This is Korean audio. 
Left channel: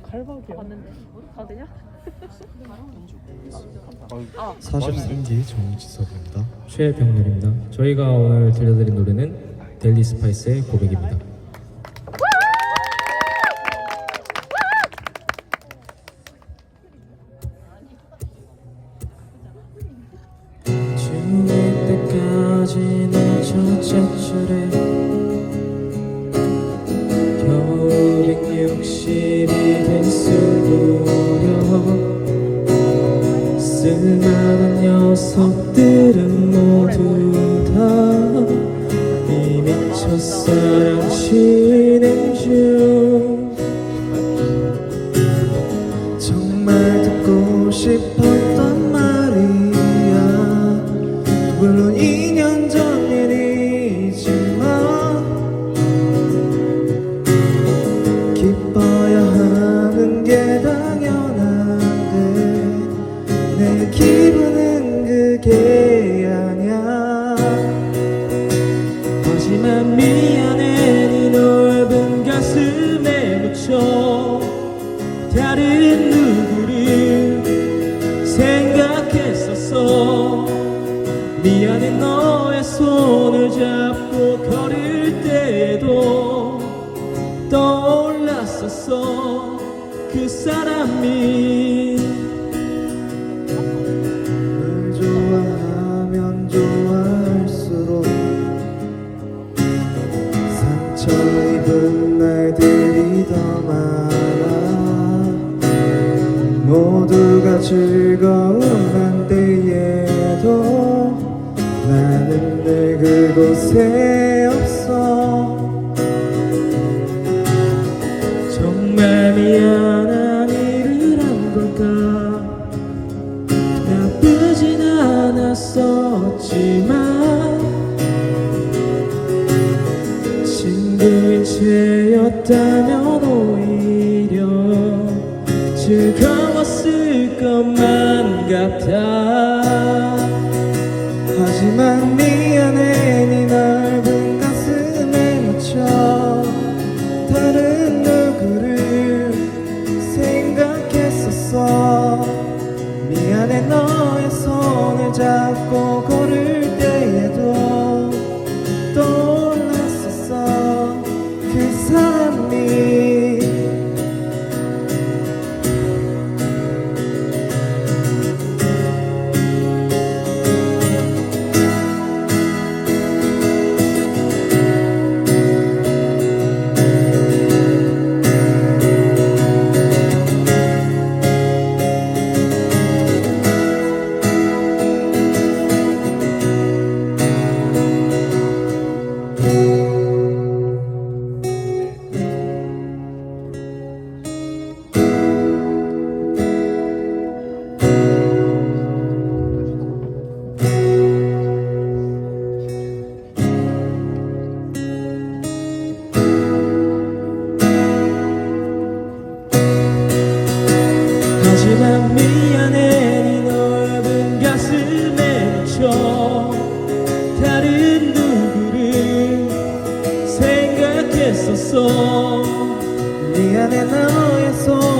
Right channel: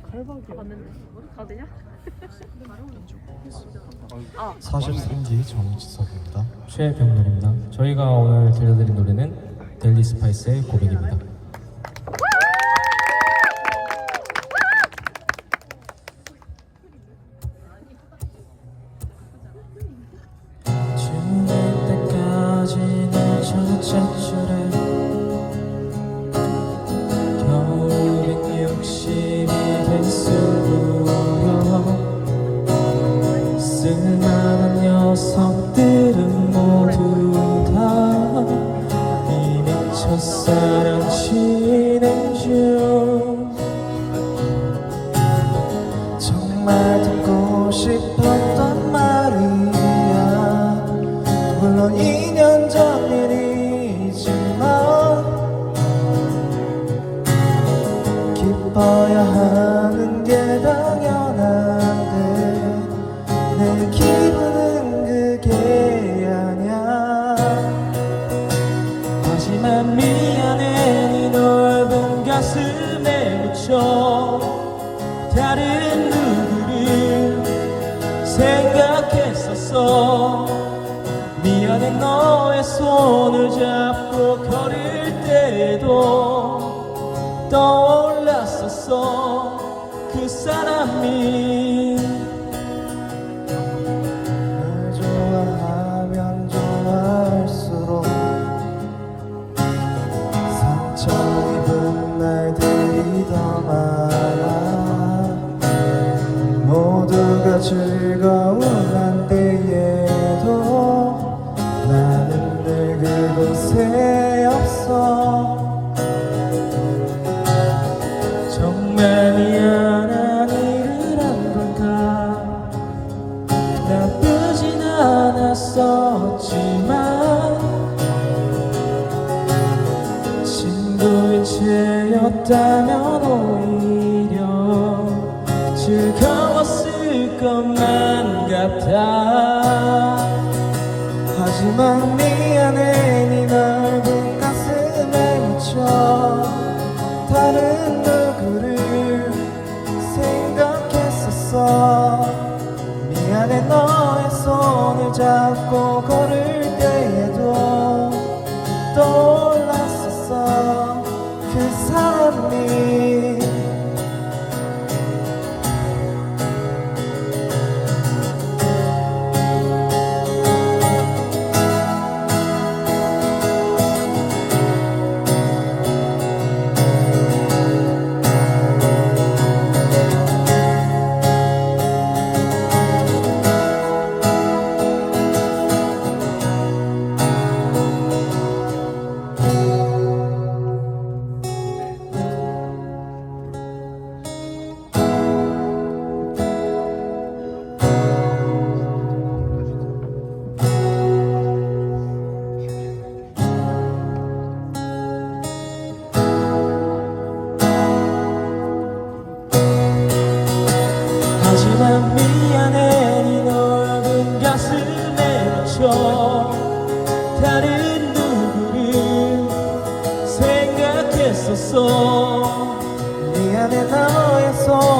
봤는데 다 되냐? 43기 정지석입니다. 최병렬입니다. 저희가 오늘 들려드린 노래는 델리 스파이스의 고백입니다. 죽을 때까지는 첫째 줄에 싶었 미안해 너의 손을 잡고 걸을 때에도 떠올랐었어. 그 사람이 채였다면 오히려 즐거웠을 것만 같아. 하지만 미안해 네 넓은 가슴에 묻혀 다른 누구를 생각했었어. 미안해 너 미안해 네 넓은 가슴에 묻혀 다른 누구를 생각했었어? 미안해 너의 손